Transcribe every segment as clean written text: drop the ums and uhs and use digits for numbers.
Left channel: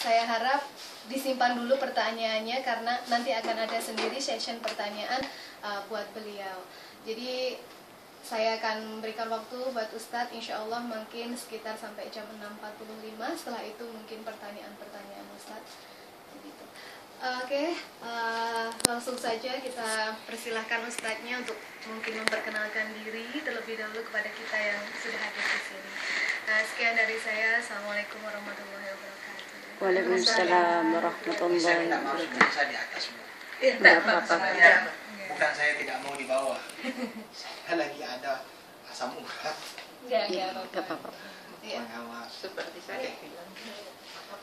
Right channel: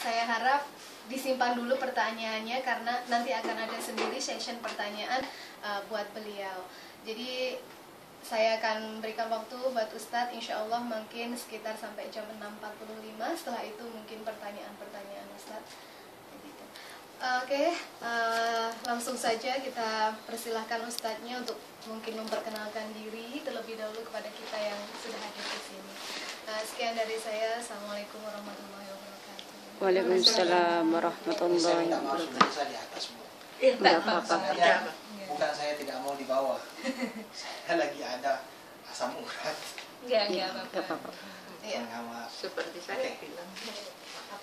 saya harap disimpan dulu pertanyaannya karena nanti akan ada sendiri session pertanyaan buat beliau. Jadi saya akan berikan waktu buat Ustadz, insya Allah mungkin sekitar sampai jam 6.45. Setelah itu mungkin pertanyaan-pertanyaan Ustadz. Gitu. Oke, langsung saja kita persilahkan Ustadznya untuk mungkin memperkenalkan diri terlebih dahulu kepada kita yang sudah hadir di sini. Sekian dari saya. Assalamualaikum warahmatullahi wabarakatuh. Waalaikumsalam warahmatullahi wabarakatuh. Saya di atas, Bu. Enggak apa-apa. Bukan saya tidak mau di bawah. Saya lagi ada asam urat. Ya, Enggak apa-apa. Pengawas. Seperti saya bilang.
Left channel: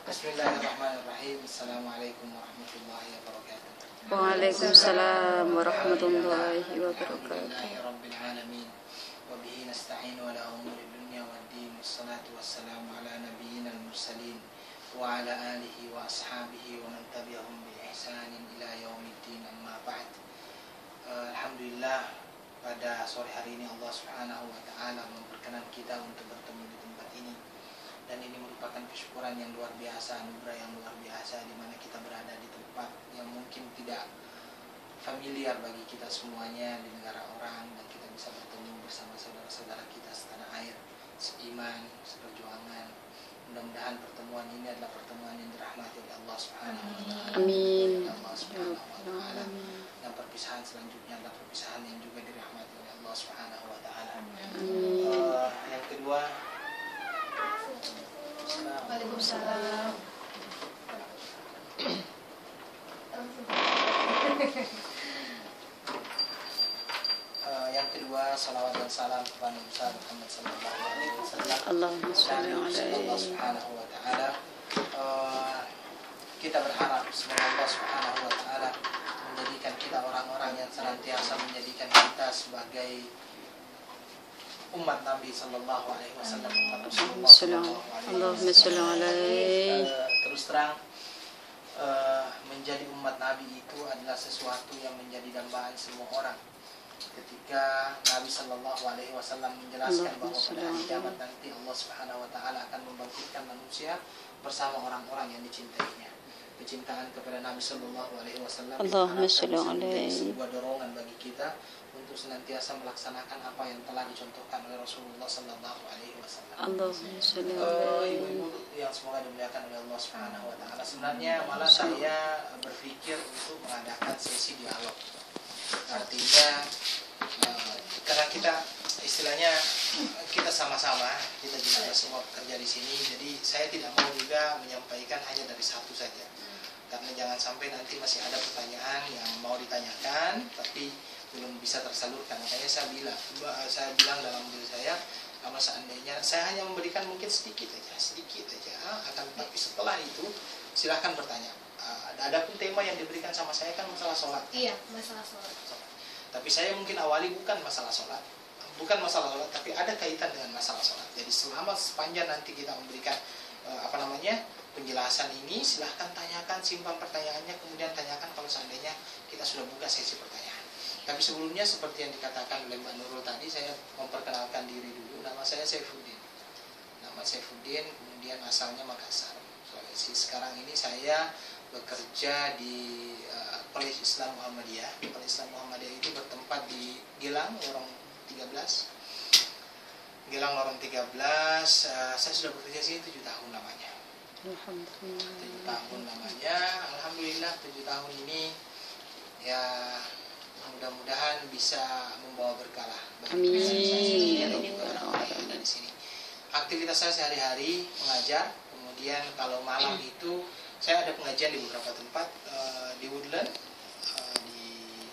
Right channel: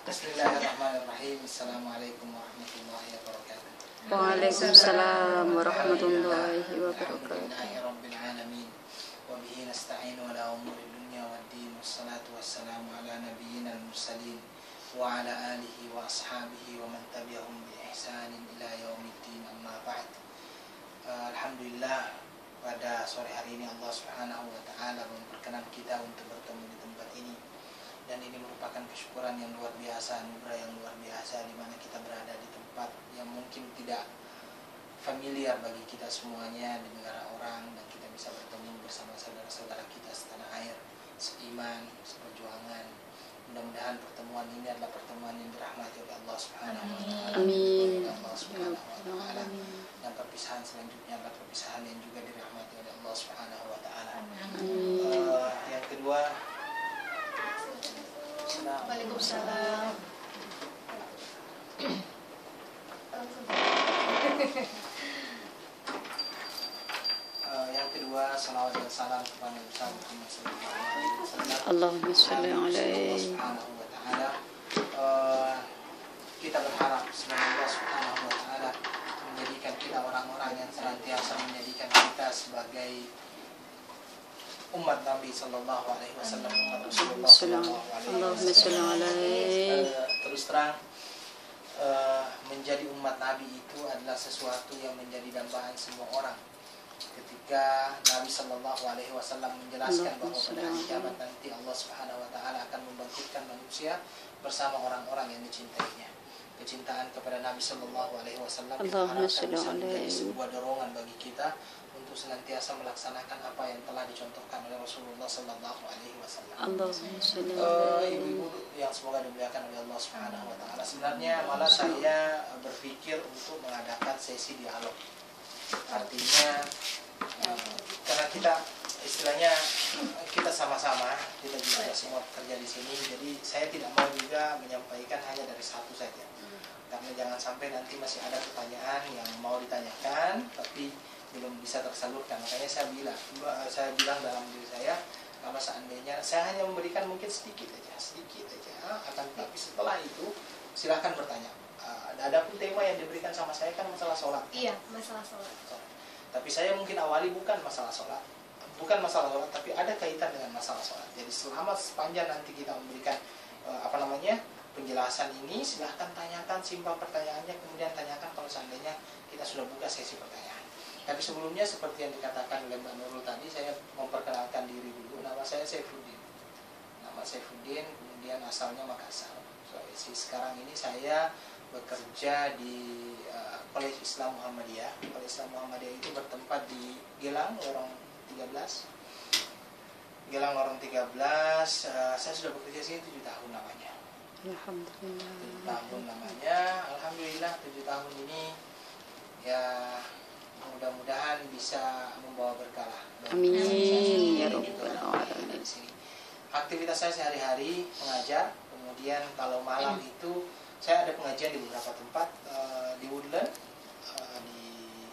Bismillahirrahmanirrahim. Assalamualaikum warahmatullahi wabarakatuh. Waalaikumsalam warahmatullahi wabarakatuh. Alhamdulillahirabbil alamin. Wa bihi nasta'inu ala umuri dunya waddin. Wassalatu wassalamu ala nabiyyina al-mursalin wa ala alihi wa ashabihi wa man tabi'ahum bi ihsanin ila yaumiddin, amma ba'd. Alhamdulillah, pada sore hari ini Allah Subhanahu wa taala memperkenan kita untuk bertemu di tempat ini. Dan ini merupakan kesyukuran yang luar biasa, anugerah yang luar biasa di mana kita berada di tempat yang mungkin tidak familiar bagi kita semuanya di negara orang, dan kita bisa bertemu bersama saudara-saudara kita setanah air, seiman, seperjuangan. Mudah-mudahan pertemuan ini adalah pertemuan yang dirahmati oleh Allah Subhanahu wa taala. Amin. Allah Subhanahu wa taala. Dan perpisahan selanjutnya adalah perpisahan yang juga dirahmati oleh Allah Subhanahu wa taala. Yang kedua, Waalaikumsalam. Yang kedua, salawat dan salam kepada Nabi Muhammad sallallahu alaihi wasallam. Allahumma shalli Allah alaihi. Subhanahu wa taala. Kita berharap semoga Allah Subhanahu wa taala menjadikan kita orang-orang yang senantiasa menjadikan kita sebagai umat Nabi sallallahu alaihi wasallam, umat Rasulullah sallallahu alaihi Allahumma shalli alaihi. Terus terang, menjadi umat Nabi itu adalah sesuatu yang menjadi dambaan semua orang. Ketika Nabi Shallallahu Alaihi Wasallam menjelaskan bahwa pada hari kiamat nanti Allah Subhanahu Wa Taala akan membangkitkan manusia bersama orang-orang yang dicintainya. Kecintaan kepada Nabi Shallallahu Alaihi Wasallam bisa menjadi sebuah dorongan bagi kita untuk senantiasa melaksanakan apa yang telah dicontohkan oleh Rasulullah Shallallahu Alaihi Wasallam. Ibu-ibu yang semoga dimuliakan oleh Allah Subhanahu Wa Taala. Sebenarnya malah saya berpikir untuk mengadakan sesi dialog. Artinya karena kita istilahnya kita sama-sama, kita juga ada semua pekerja di sini, jadi saya tidak mau juga menyampaikan hanya dari satu saja, karena jangan sampai nanti masih ada pertanyaan yang mau ditanyakan tapi belum bisa tersalurkan. Makanya saya bilang dalam diri saya, kalau seandainya saya hanya memberikan mungkin sedikit aja, akan tetapi setelah itu silahkan bertanya. Adapun tema yang diberikan sama saya kan masalah sholat. Iya, masalah sholat. Tapi saya mungkin awali bukan masalah sholat, tapi ada kaitan dengan masalah sholat. Jadi selama sepanjang nanti kita memberikan penjelasan ini, silahkan tanyakan, simpan pertanyaannya, kemudian tanyakan kalau seandainya kita sudah buka sesi pertanyaan. Tapi sebelumnya seperti yang dikatakan oleh Mbak Nurul tadi, saya memperkenalkan diri dulu. Nama saya Saifuddin. Kemudian asalnya Makassar, Sulawesi. Sekarang ini saya bekerja di College Islam Muhammadiyah. College Islam Muhammadiyah itu bertempat di Gelang, Lorong 13. Saya sudah bekerja sini 7 tahun lamanya. Alhamdulillah. 7 tahun lamanya. Alhamdulillah 7 tahun ini ya mudah-mudahan bisa membawa berkah lah. Amin ya rabbal alamin. Di sini. Aktivitas saya sehari-hari mengajar, kemudian kalau malam itu saya ada pengajian di beberapa tempat, di Woodland, di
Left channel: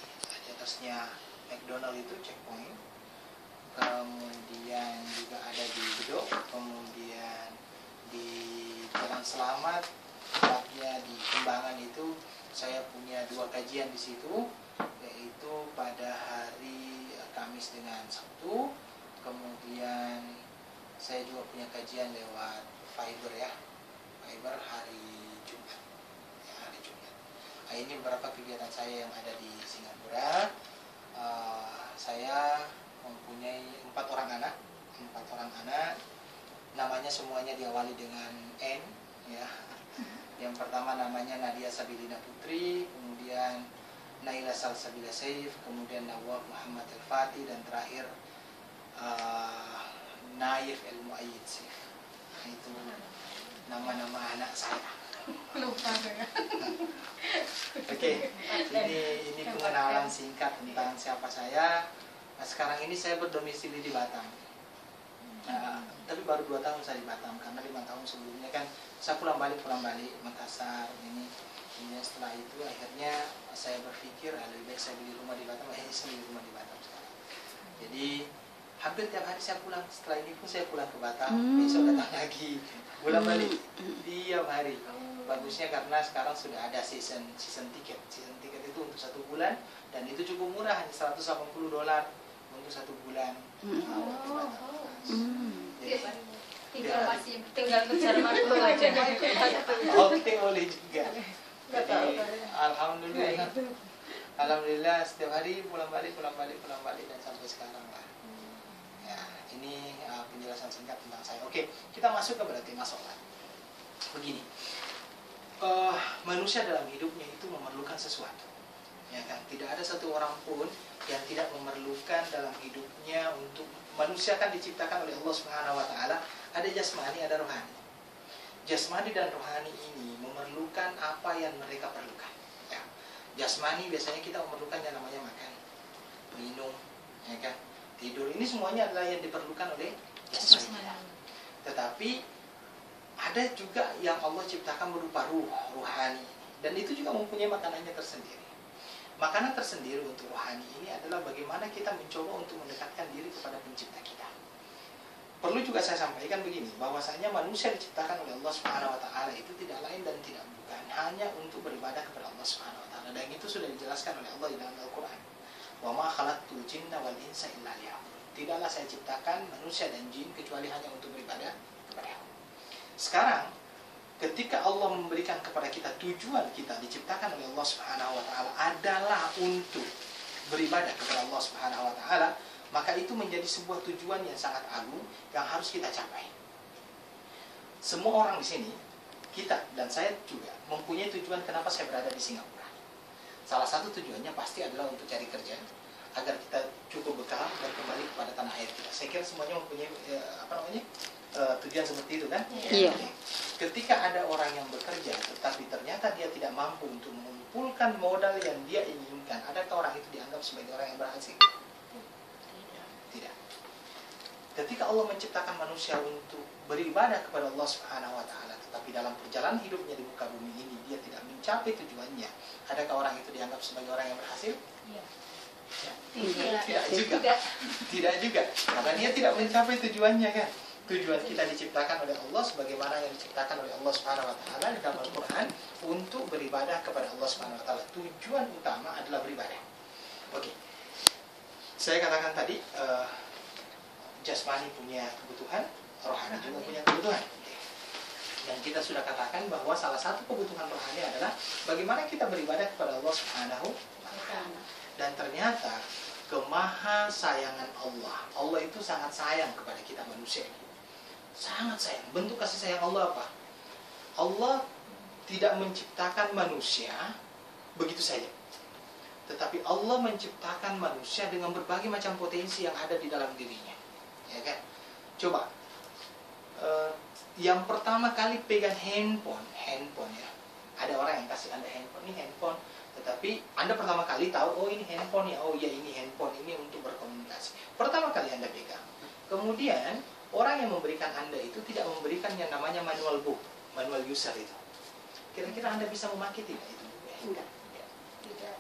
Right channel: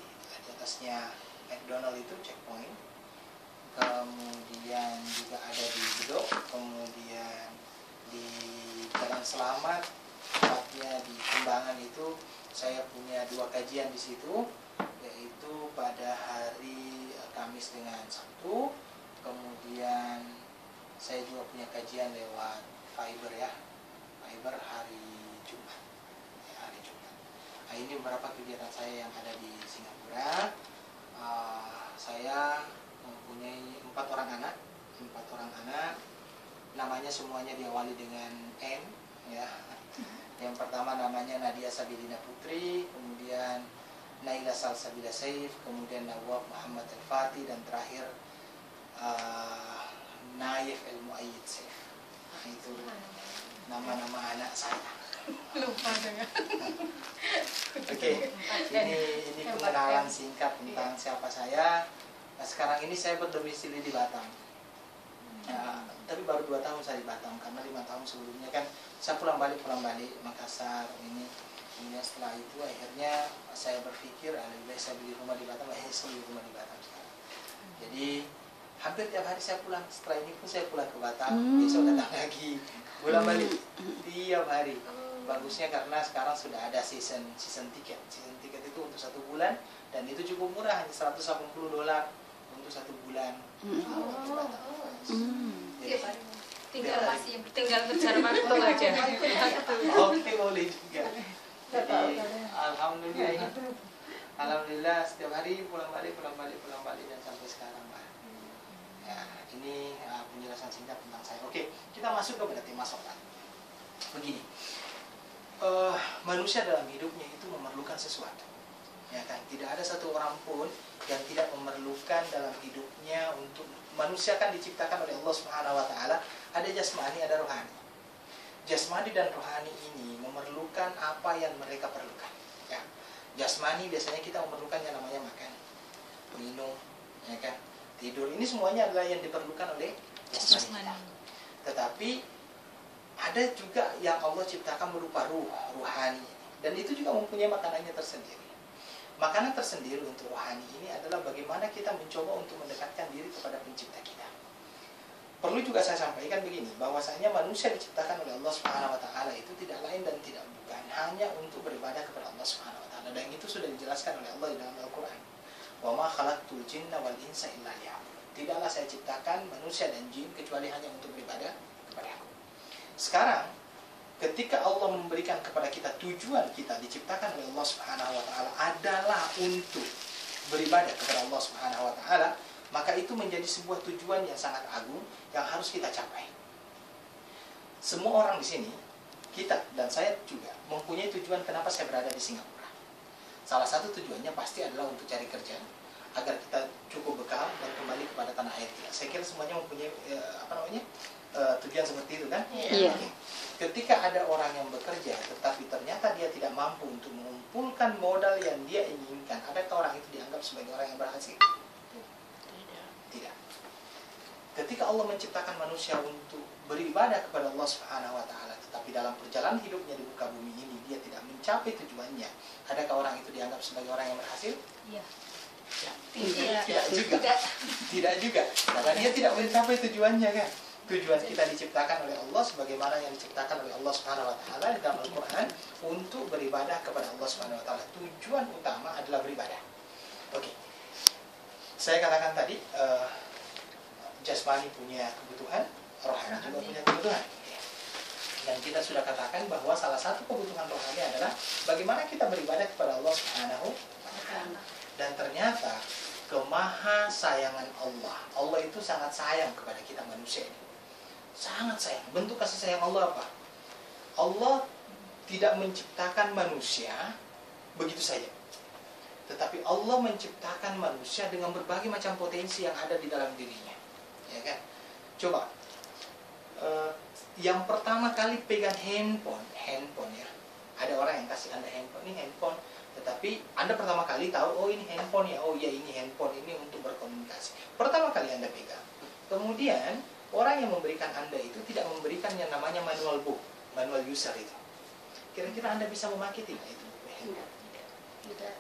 atasnya McDonald itu Checkpoint, kemudian juga ada di Bedok, kemudian di Jalan Selamat, tepatnya di Kembangan itu saya punya 2 kajian di situ, yaitu pada hari Kamis dengan Sabtu, kemudian saya juga punya kajian lewat Fiber hari Jumat. Ini beberapa kegiatan saya yang ada di Singapura. Saya mempunyai 4 orang anak. Namanya semuanya diawali dengan N, ya. Yang pertama namanya Nadia Sabilina Putri, kemudian Naila Salsabila Saif, kemudian Nawab Muhammad Al-Fatih, dan terakhir Naif El-Muayyid Saif. Nah, itu nama-nama anak saya. Lupa dengan. Oke, ini pengenalan singkat tentang siapa saya. Nah, sekarang ini saya berdomisili di Batam. Tapi baru 2 tahun saya di Batam, karena 5 tahun sebelumnya kan saya pulang balik Makassar ini. Kemudian setelah itu akhirnya saya berpikir lebih baik saya beli rumah di Batam. Akhirnya saya beli rumah di Batam sekarang. Jadi hampir tiap hari saya pulang. Setelah ini pun saya pulang ke Batam, besok datang lagi, pulang balik tiap hari. Bagusnya karena sekarang sudah ada season tiket. Season tiket itu untuk 1 bulan, dan itu cukup murah, hanya $180 untuk 1 bulan. Ke Batam. Jadi, tinggal ngejar waktu aja. Oke, boleh juga. Jadi alhamdulillah setiap hari pulang balik dan sampai sekarang lah. Ya, ini penjelasan singkat tentang saya. Oke, kita masuk kepada tema sholat. Begini, manusia dalam hidupnya itu memerlukan sesuatu, ya kan? Tidak ada satu orang pun yang tidak memerlukan dalam hidupnya. Untuk manusia kan diciptakan oleh Allah Subhanahu Wa Taala, ada jasmani, ada rohani. Jasmani dan rohani ini memerlukan apa yang mereka perlukan. Ya. Jasmani biasanya kita memerlukan yang namanya makan, minum, ya kan? Tidur. Ini semuanya adalah yang diperlukan oleh jasmani kita. Tetapi ada juga yang Allah ciptakan berupa ruhani, dan itu juga mempunyai makanannya tersendiri. Makanan tersendiri untuk rohani ini adalah bagaimana kita mencoba untuk mendekatkan diri kepada pencipta kita. Perlu juga saya sampaikan begini, bahwasanya manusia diciptakan oleh Allah Subhanahu Wa Taala itu tidak lain dan tidak bukan hanya untuk beribadah kepada Allah Subhanahu Wa Taala, dan itu sudah dijelaskan oleh Allah di dalam Al-Quran. Wa ma khalaqtul jinna wal insa illa liya'budun. Tidaklah saya ciptakan manusia dan jin kecuali hanya untuk beribadah kepada Aku. Sekarang, ketika Allah memberikan kepada kita tujuan kita diciptakan oleh Allah Subhanahu Wa Taala adalah untuk beribadah kepada Allah Subhanahu Wa Taala, maka itu menjadi sebuah tujuan yang sangat agung yang harus kita capai. Semua orang di sini, kita dan saya juga mempunyai tujuan kenapa saya berada di Singapura. Salah satu tujuannya pasti adalah untuk cari kerja, agar kita cukup bekal dan kembali kepada tanah air kita. Saya kira semuanya mempunyai tujuan seperti itu kan? Iya. Ketika ada orang yang bekerja tetapi ternyata dia tidak mampu untuk mengumpulkan modal yang dia inginkan, adakah orang itu dianggap sebagai orang yang berhasil? Tidak. Ketika Allah menciptakan manusia untuk beribadah kepada Allah Subhanahu Wa Taala, tetapi dalam perjalanan hidupnya di muka bumi ini dia tidak mencapai tujuannya, adakah orang itu dianggap sebagai orang yang berhasil? Iya. Ya. Tidak juga, karena dia tidak mencapai tujuannya kan. Tujuan kita diciptakan oleh Allah sebagaimana yang diciptakan oleh Allah Subhanahu Wa Taala di dalam Al-Quran, untuk beribadah kepada Allah Subhanahu Wa Taala. Tujuan utama adalah beribadah. Oke. Saya katakan tadi, jasmani punya kebutuhan, rohani juga punya kebutuhan. Dan kita sudah katakan bahwa salah satu kebutuhan rohani adalah bagaimana kita beribadah kepada Allah Subhanahu Wa Taala. Dan ternyata kemahasayangan Allah itu sangat sayang kepada kita manusia ini. Sangat sayang. Bentuk kasih sayang Allah apa? Allah tidak menciptakan manusia begitu saja. Tetapi Allah menciptakan manusia dengan berbagai macam potensi yang ada di dalam dirinya, ya kan? Coba, yang pertama kali pegang handphone ya. Ada orang yang kasih Anda handphone, ini handphone. Tetapi Anda pertama kali tahu, oh ini handphone ya, oh iya ini handphone, ini untuk berkomunikasi. Pertama kali Anda pegang. Kemudian orang yang memberikan Anda itu tidak memberikan yang namanya manual book, manual user itu. Kira-kira Anda bisa memakai tidak itu buku handphone? Tidak.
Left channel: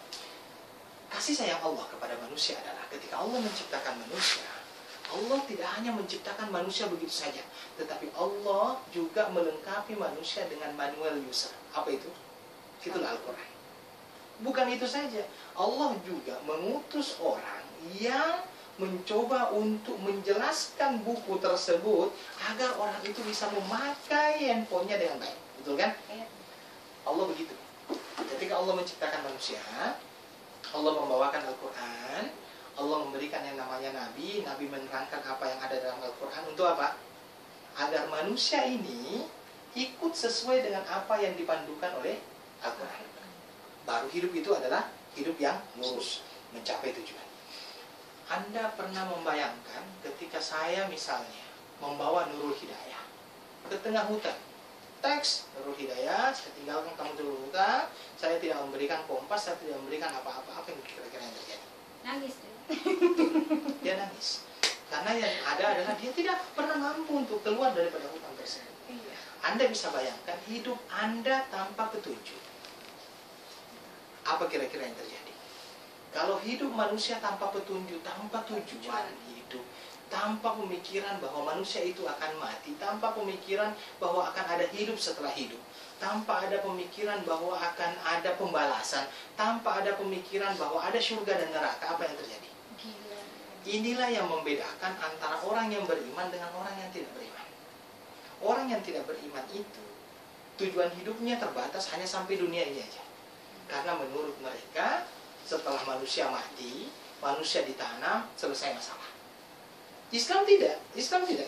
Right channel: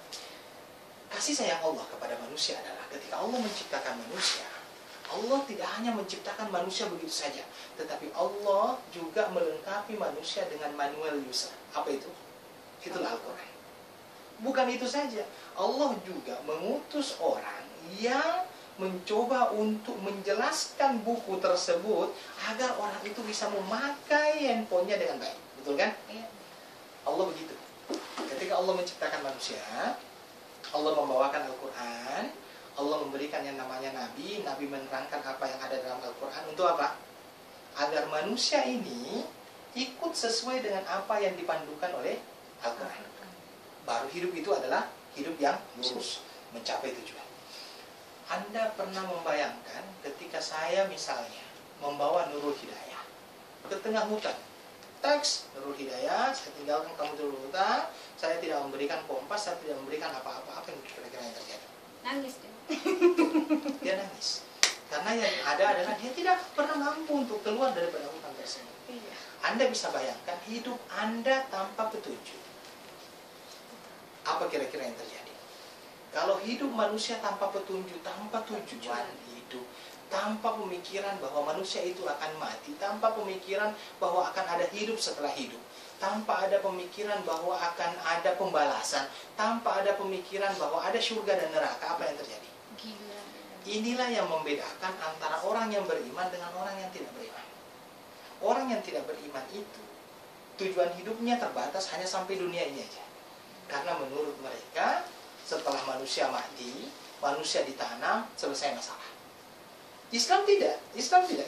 Kasih sayang Allah kepada manusia adalah ketika Allah menciptakan manusia, Allah tidak hanya menciptakan manusia begitu saja, tetapi Allah juga melengkapi manusia dengan manual user. Apa itu? Itulah Al-Quran. Bukan itu saja, Allah juga mengutus orang yang mencoba untuk menjelaskan buku tersebut agar orang itu bisa memakai handphonenya dengan baik. Betul kan? Allah begitu. Ketika Allah menciptakan manusia, Allah membawakan Al-Quran, Allah memberikan yang namanya Nabi menerangkan apa yang ada dalam Al-Quran. Untuk apa? Agar manusia ini ikut sesuai dengan apa yang dipandukan oleh Al-Quran. Baru hidup itu adalah hidup yang lurus, mencapai tujuan. Anda pernah membayangkan ketika saya misalnya membawa Nurul Hidayah ke tengah hutan. Teks, Nurul Hidayah, saya tinggalkan kamu dulu hutan, saya tidak memberikan kompas, saya tidak memberikan apa-apa, apa yang kira-kira yang terjadi? Nangis deh. Dia nangis. Karena yang ada adalah dia tidak pernah mampu untuk keluar daripada hutan tersebut. Anda bisa bayangkan hidup Anda tanpa petunjuk. Apa kira-kira yang terjadi? Kalau hidup manusia tanpa petunjuk, tanpa tujuan hidup, tanpa pemikiran bahwa manusia itu akan mati, tanpa pemikiran bahwa akan ada hidup setelah hidup, tanpa ada pemikiran bahwa akan ada pembalasan, tanpa ada pemikiran bahwa ada surga dan neraka, apa yang terjadi? Gila. Inilah yang membedakan antara orang yang beriman dengan orang yang tidak beriman. Orang yang tidak beriman itu tujuan hidupnya terbatas hanya sampai dunia ini aja. Karena menurut mereka setelah manusia mati, manusia ditanam, selesai masalah. Islam tidak.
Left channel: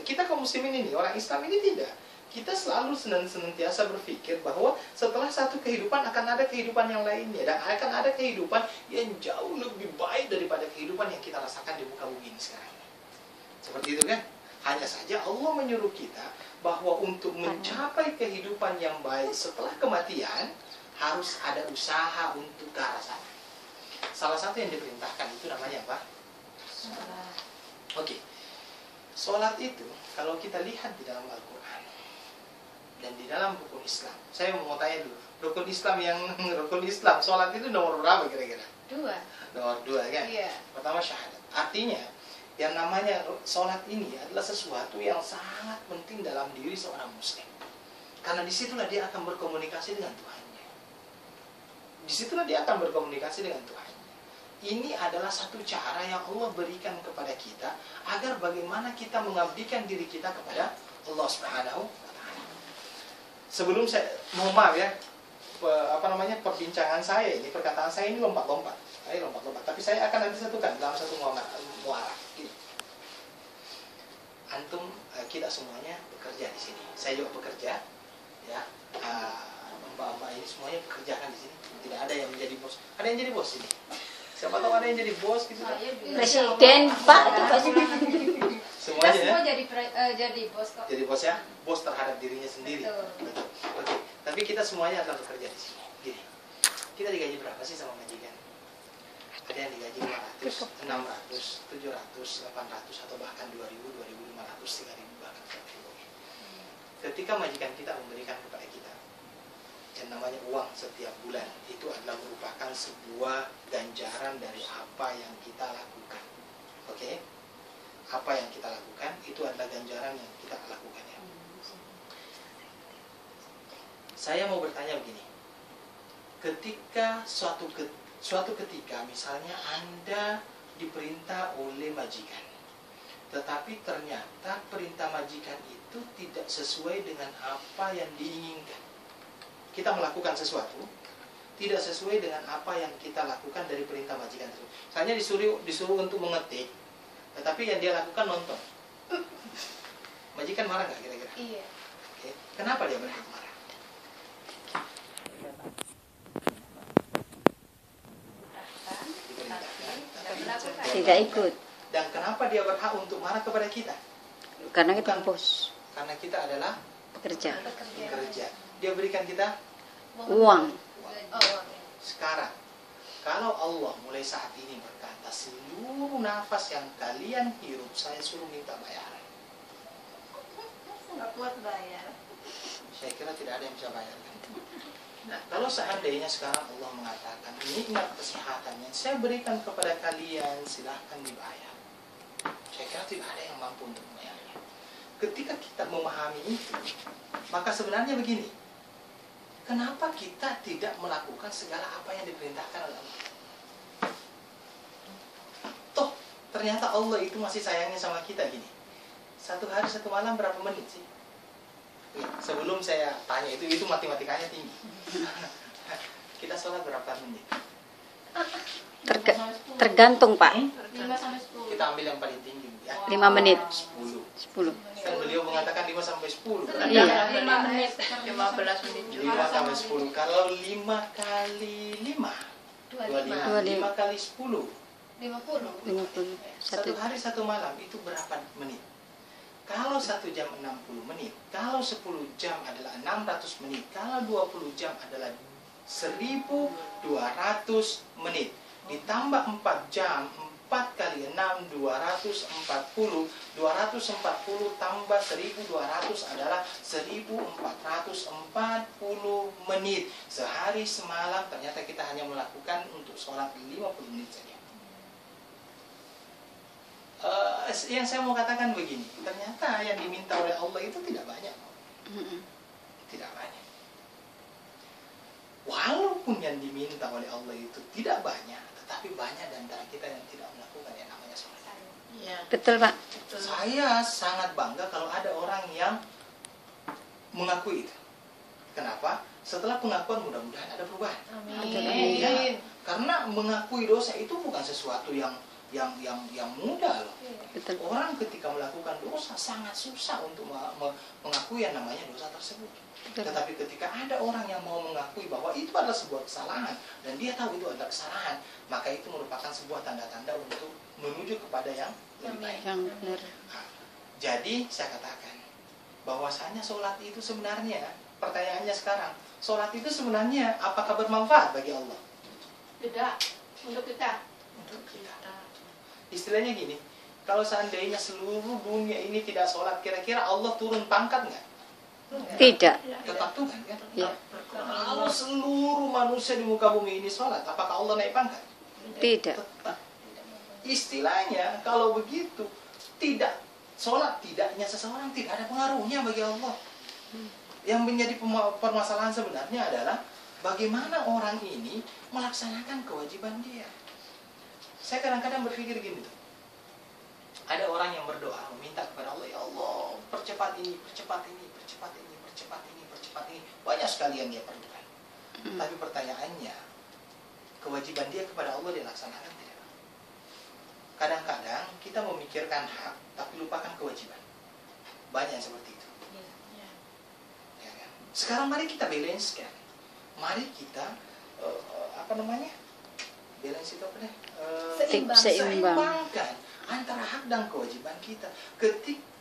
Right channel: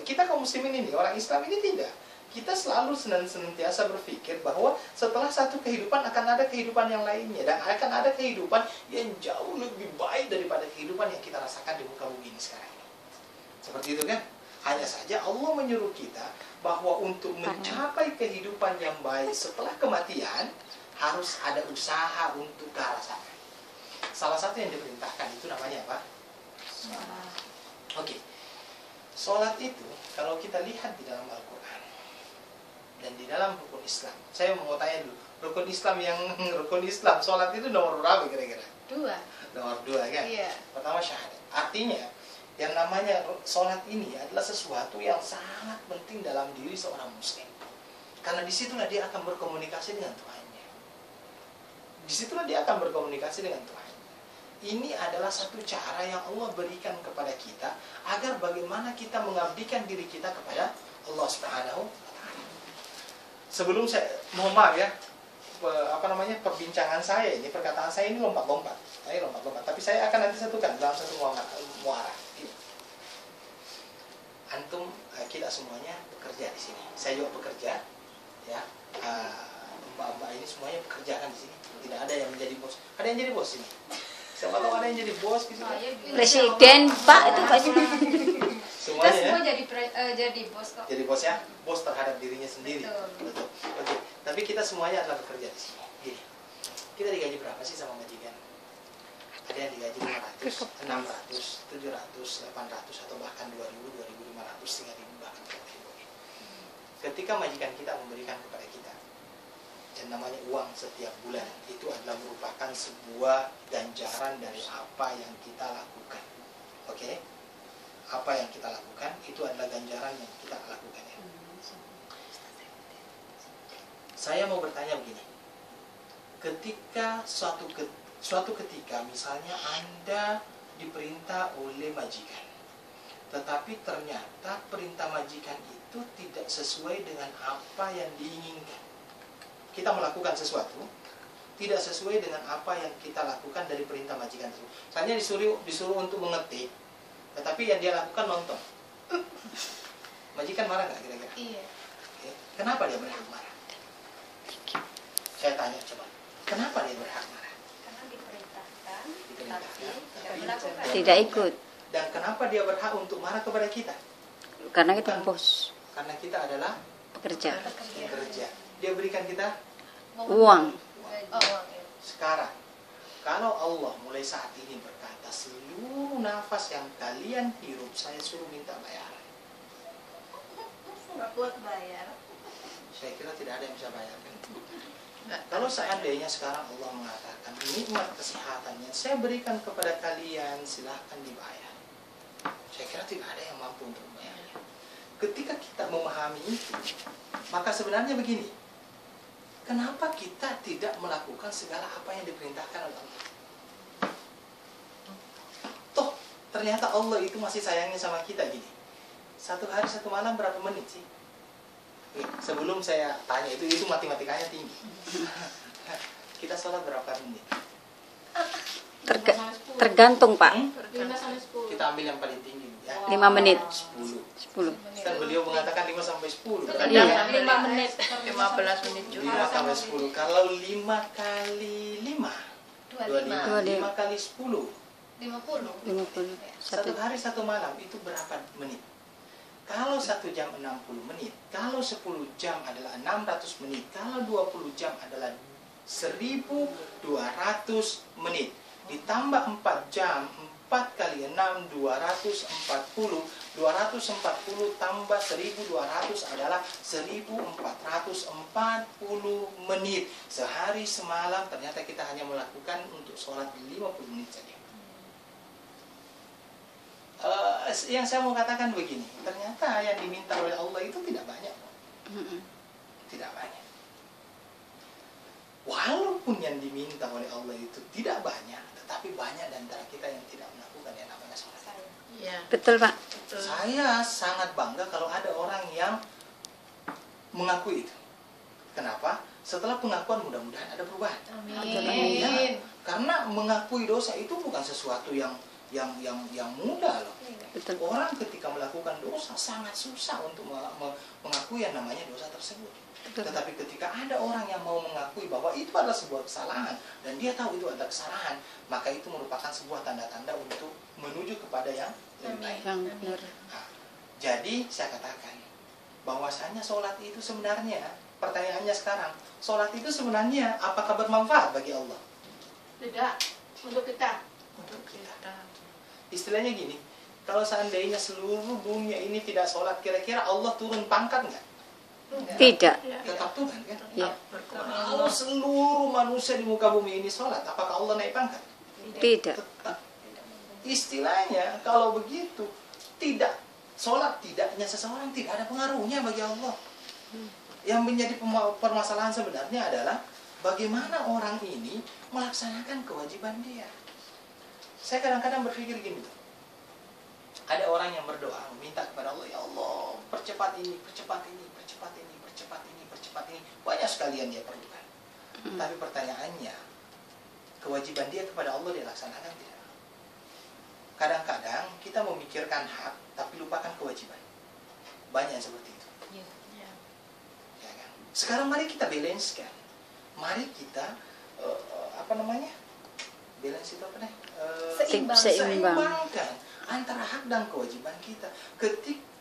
Kita kaum muslimin ini, orang Islam ini tidak. Kita selalu senantiasa berpikir bahwa setelah satu kehidupan akan ada kehidupan yang lainnya, dan akan ada kehidupan yang jauh lebih baik daripada kehidupan yang kita rasakan di muka bumi ini sekarang ini. Seperti itu kan? Hanya saja Allah menyuruh kita bahwa untuk mencapai kehidupan yang baik setelah kematian harus ada usaha untuk ke arah sana. Salah satu yang diperintahkan itu namanya apa? Sholat. Oke. Sholat itu kalau kita lihat di dalam Al-Quran dan di dalam rukun Islam. Saya mau tanya dulu, rukun Islam, sholat itu nomor berapa kira-kira? 2. Nomor 2 kan? Iya. Pertama syahadat. Artinya yang namanya sholat ini adalah sesuatu yang sangat penting dalam diri seorang muslim. Karena disitulah dia akan berkomunikasi dengan Tuhannya. Disitulah dia akan berkomunikasi dengan Tuhannya. Ini adalah satu cara yang Allah berikan kepada kita agar bagaimana kita mengabdikan diri kita kepada Allah Subhanahu wa Ta'ala. Sebelum saya, mohon maaf ya, perbincangan saya ini, perkataan saya ini lompat-lompat. Tapi saya akan nanti satukan dalam satu muara. Ini. Antum, kita semuanya bekerja di sini. Saya juga bekerja, ya. Mbak-mbak ini semuanya bekerja kan di sini. Tidak ada yang menjadi bos. Ada yang jadi bos ini. Siapa tahu ada yang jadi bos gitu kan? Presiden, Pak, itu presiden. Semuanya ya? Semua jadi bos kok. Jadi bos ya? Bos terhadap dirinya sendiri. Betul. Oke. Tapi kita semuanya adalah bekerja di sini. Gini. Kita digaji berapa sih sama majikan? Ada yang digaji 500, 600, 700, 800 atau bahkan 2000, 2500, 3000 bahkan 4000. Ketika majikan kita memberikan kepada kita yang namanya uang setiap bulan, itu adalah merupakan sebuah ganjaran dari apa yang kita lakukan. Oke? Apa yang kita lakukan itu adalah ganjaran yang kita lakukan ya. Saya mau bertanya begini. Ketika suatu ketika misalnya Anda diperintah oleh majikan, tetapi ternyata perintah majikan itu tidak sesuai dengan apa yang diinginkan. Kita melakukan sesuatu tidak sesuai dengan apa yang kita lakukan dari perintah majikan tersebut. Misalnya disuruh untuk mengetik, tetapi yang dia lakukan nonton. Majikan marah nggak kira-kira? Iya. Oke. Kenapa dia berhak marah? Saya tanya coba. Kenapa dia berhak marah? Karena diperintahkan. Diperintahkan. Tidak ikut. Dan kenapa dia berhak untuk marah kepada kita? Karena kita Bukan. bos, Karena kita adalah pekerja. pekerja. Dia berikan kita Uang. Oh, sekarang. Kalau Allah mulai saat ini berkata, seluruh nafas yang kalian hirup saya suruh minta bayaran. Nggak kuat bayar. Saya kira tidak ada yang bisa bayar kan? Kalau seandainya sekarang Allah mengatakan nikmat kesehatan yang saya berikan kepada kalian silahkan dibayar, saya kira tidak ada yang mampu untuk membayarnya. Ketika kita memahami itu, maka sebenarnya begini, kenapa kita tidak melakukan segala apa yang diperintahkan oleh Allah? Toh ternyata Allah itu masih sayangnya sama kita gini. Satu hari satu malam berapa menit sih? Sebelum saya tanya itu matematikanya tinggi. Kita sholat berapa menit? Tergantung, Pak. 5 sampai 10. Kita ambil yang paling tinggi ya. 5 menit. 10. 10. Kan beliau mengatakan 5 sampai 10. Berarti Iya. 5 menit, 15 menit juga. 5 sampai 10. Kalau 5 kali 5 25. 5 kali 10 50. 50. Satu 1 hari 1 malam itu berapa menit? Kalau 1 jam 60 menit, kalau 10 jam adalah 600 menit, kalau 20 jam adalah 1200 menit. Ditambah 4 jam, 4 kali 6, 240. 240 tambah 1200 adalah 1440 menit. Sehari semalam ternyata kita hanya melakukan untuk sholat 50 menit saja. Yang saya mau katakan begini, ternyata yang diminta oleh Allah itu tidak banyak. Tidak banyak. Walaupun yang diminta oleh Allah itu tidak banyak, tetapi banyak di antara kita yang tidak melakukan yang namanya sholat. Iya. Betul, Pak. Betul. Saya sangat bangga kalau ada orang yang mengakui itu. Kenapa? Setelah pengakuan mudah-mudahan ada perubahan. Amin. Ya, karena mengakui dosa itu bukan sesuatu yang mudah loh. Betul. Orang ketika melakukan dosa sangat susah untuk mengakui yang namanya dosa tersebut. Betul. Tetapi ketika ada orang yang mau mengakui bahwa itu adalah sebuah kesalahan dan dia tahu itu adalah kesalahan, maka itu merupakan sebuah tanda-tanda untuk menuju kepada yang lebih baik. Yang benar. Nah, jadi saya katakan bahwasanya sholat itu sebenarnya, pertanyaannya sekarang, sholat itu sebenarnya apakah bermanfaat bagi Allah? Tidak. Untuk kita. Untuk kita. Istilahnya gini, kalau seandainya seluruh dunia ini tidak sholat, kira-kira Allah turun pangkat nggak? Tidak. Tetap Tuhan kan? Ya. Kalau seluruh manusia di muka bumi ini sholat, apakah Allah naik pangkat? Tidak. Tetap. Istilahnya kalau begitu, tidak sholat tidaknya seseorang tidak ada pengaruhnya bagi Allah. Yang menjadi permasalahan sebenarnya adalah bagaimana orang ini melaksanakan kewajiban dia. Saya kadang-kadang berpikir gini tuh. Ada orang yang berdoa meminta kepada Allah, ya Allah, percepat ini, percepat ini, percepat ini, percepat ini, percepat ini. Banyak sekali yang dia perlukan. Tapi pertanyaannya, kewajiban dia kepada Allah dia laksanakan tidak? Kadang-kadang kita memikirkan hak tapi lupakan kewajiban. Banyak yang seperti itu. Ya kan? Sekarang mari kita balance kan. Mari kita balance itu apa deh? Seimbangkan antara hak dan kewajiban kita.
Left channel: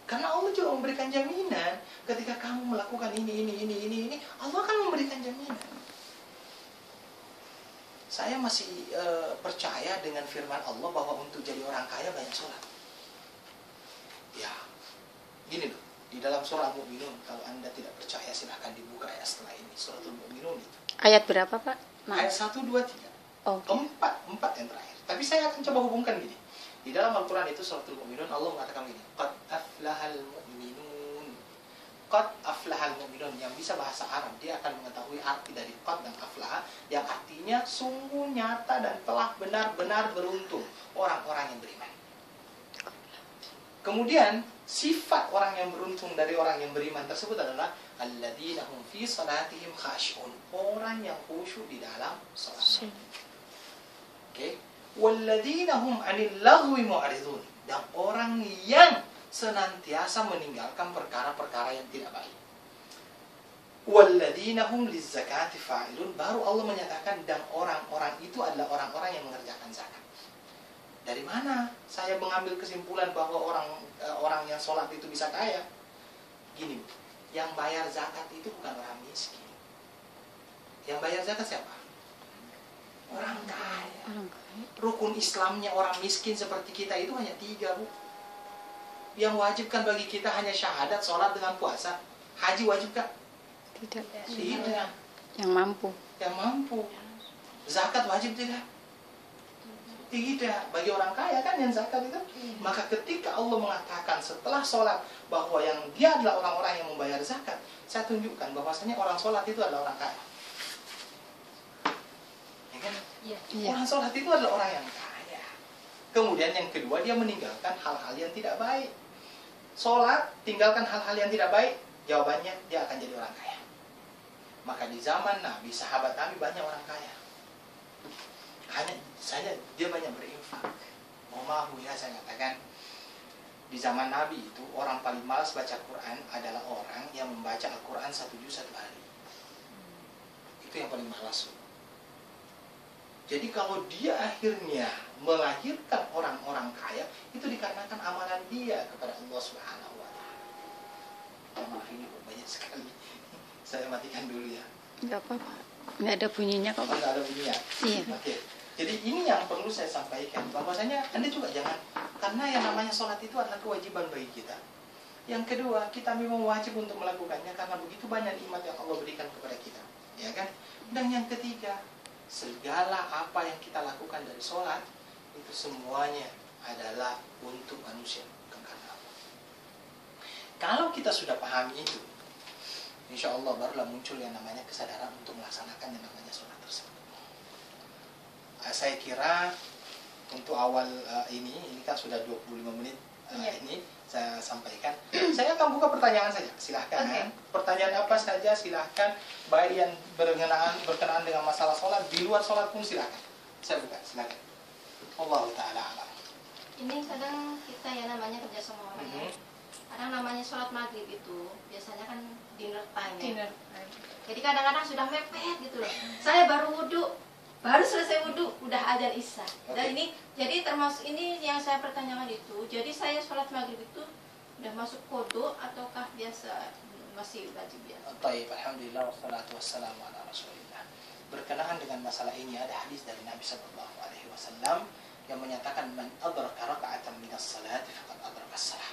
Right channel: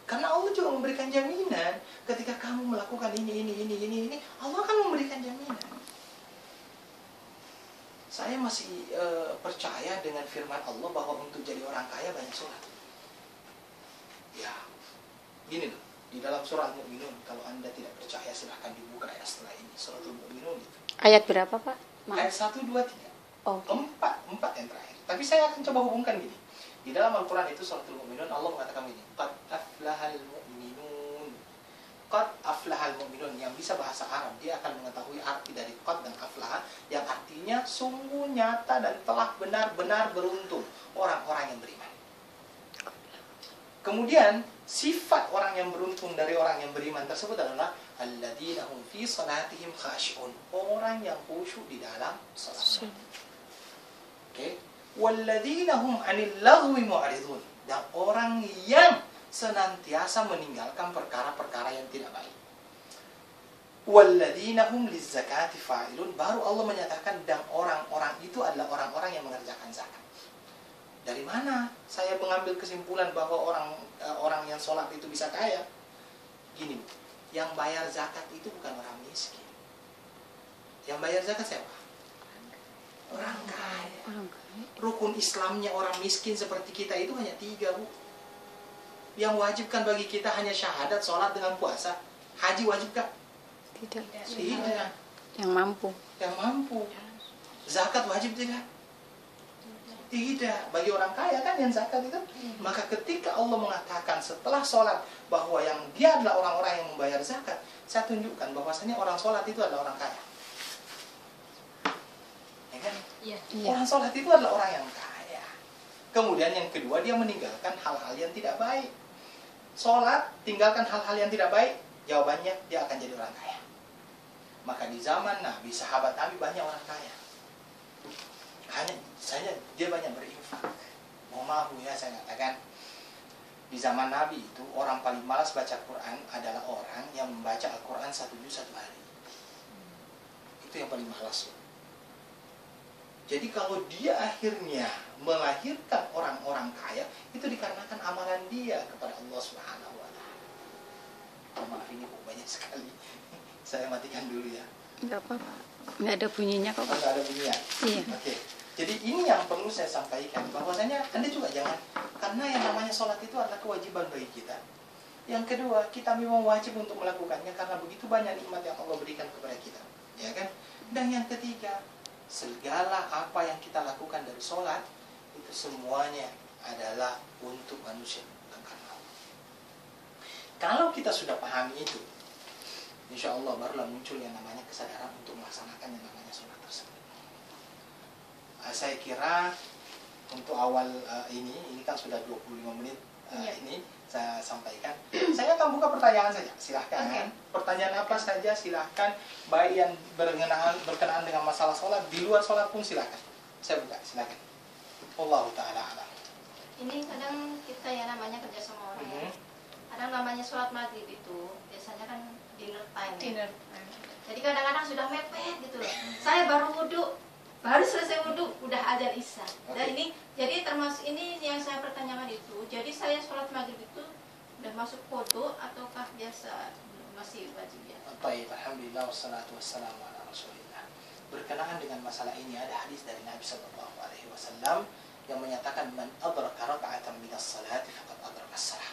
Karena Allah juga memberikan jaminan ketika kamu melakukan ini, Allah akan memberikan jaminan. Saya masih percaya dengan firman Allah bahwa untuk jadi orang kaya banyak sholat. Ya, gini loh, di dalam surah Al-Mu'minun, kalau Anda tidak percaya silahkan dibuka ya setelah ini, surah Al-Mu'minun itu. Ayat berapa, Pak? Ayat 1, 2, 3. Oh. Empat yang terakhir. Tapi saya akan coba hubungkan gini. Di dalam Al-Quran itu surah Al-Mu'minun, Allah mengatakan begini, Qad aflahal mu'minun. Qad aflahal mu'minun. Yang bisa bahasa Arab, dia akan mengetahui arti dari qad dan aflah, yang artinya sungguh nyata dan telah benar-benar beruntung orang-orang yang beriman. Kemudian sifat orang yang beruntung dari orang yang beriman tersebut adalah alladzina hum fi salatihim khashi'un. Orang yang khusyuk di dalam salat. Oke. Walladzina hum 'anil lagwi mu'ridun. Dan orang yang senantiasa meninggalkan perkara-perkara yang tidak baik. Walladzina hum lizzakati fa'ilun. Baru Allah menyatakan dan orang-orang itu adalah orang-orang yang mengerjakan zakat. Dari mana saya mengambil kesimpulan bahwa orang yang sholat itu bisa kaya? Gini, yang bayar zakat itu bukan orang miskin. Yang bayar zakat siapa? Orang kaya. Orang kaya. Rukun Islamnya orang miskin seperti kita itu hanya 3, Bu. Yang wajibkan bagi kita hanya syahadat, sholat dengan puasa. Haji wajibkah? Tidak. Tidak. Yang mampu. Yang mampu. Zakat wajib tidak? Tidak. Bagi orang kaya kan yang zakat itu. Maka ketika Allah mengatakan setelah sholat bahwa yang dia adalah orang-orang yang membayar zakat, saya tunjukkan bahwasanya orang sholat itu adalah orang kaya. Ya kan? Iya. Orang sholat itu adalah orang yang kaya. Kemudian yang kedua, dia meninggalkan hal-hal yang tidak baik. Sholat, tinggalkan hal-hal yang tidak baik, jawabannya dia akan jadi orang kaya. Maka di zaman Nabi, sahabat Nabi banyak orang kaya. Hanya saja dia banyak berinfak. Mau ya saya katakan. Di zaman Nabi itu orang paling malas baca Quran adalah orang yang membaca Al-Quran 1 juz 1 hari. Itu yang paling malas loh. Jadi kalau dia akhirnya melahirkan orang-orang kaya, itu dikarenakan amalan dia kepada Allah Subhanahu wa taala. Oh, maaf ini kok banyak sekali. Saya matikan dulu ya. Enggak apa-apa. Enggak ada bunyinya kok, Pak. Enggak ada bunyi ya? Iya. Oke. Jadi ini yang perlu saya sampaikan, bahwasanya Anda juga jangan, karena yang namanya sholat itu adalah kewajiban bagi kita. Yang kedua, kita memang wajib untuk melakukannya karena begitu banyak nikmat yang Allah berikan kepada kita, ya kan? Dan yang ketiga, segala apa yang kita lakukan dari sholat itu semuanya adalah untuk manusia, bukan karena Allah. Kalau kita sudah pahami itu, insya Allah barulah muncul yang namanya kesadaran untuk melaksanakan yang namanya sholat tersebut. Saya kira untuk awal ini kan sudah 25 menit ini saya sampaikan. Saya akan buka pertanyaan saja, silahkan. Okay. Pertanyaan apa saja silahkan, baik yang berkenaan dengan masalah sholat, di luar sholat pun silahkan. Saya buka, silahkan. Wallahu ta'ala alam. Ini kadang kita ya namanya kerja sama orang ya. Kadang namanya sholat maghrib itu biasanya kan dinner time ya. Dinner. Jadi kadang-kadang sudah mepet gitu loh. Saya baru wudhu, baru selesai wudhu udah azan isya. Dan ini jadi termasuk ini yang saya pertanyakan itu. Jadi saya sholat maghrib itu udah masuk kodok ataukah biasa masih wajib biasa? Baik, alhamdulillah wassalatu wassalamu ala rasulillah. Berkenaan dengan masalah ini ada hadis dari Nabi sallallahu alaihi wasallam yang menyatakan man adraka raka'atan minas salati faqad adraka as-salah.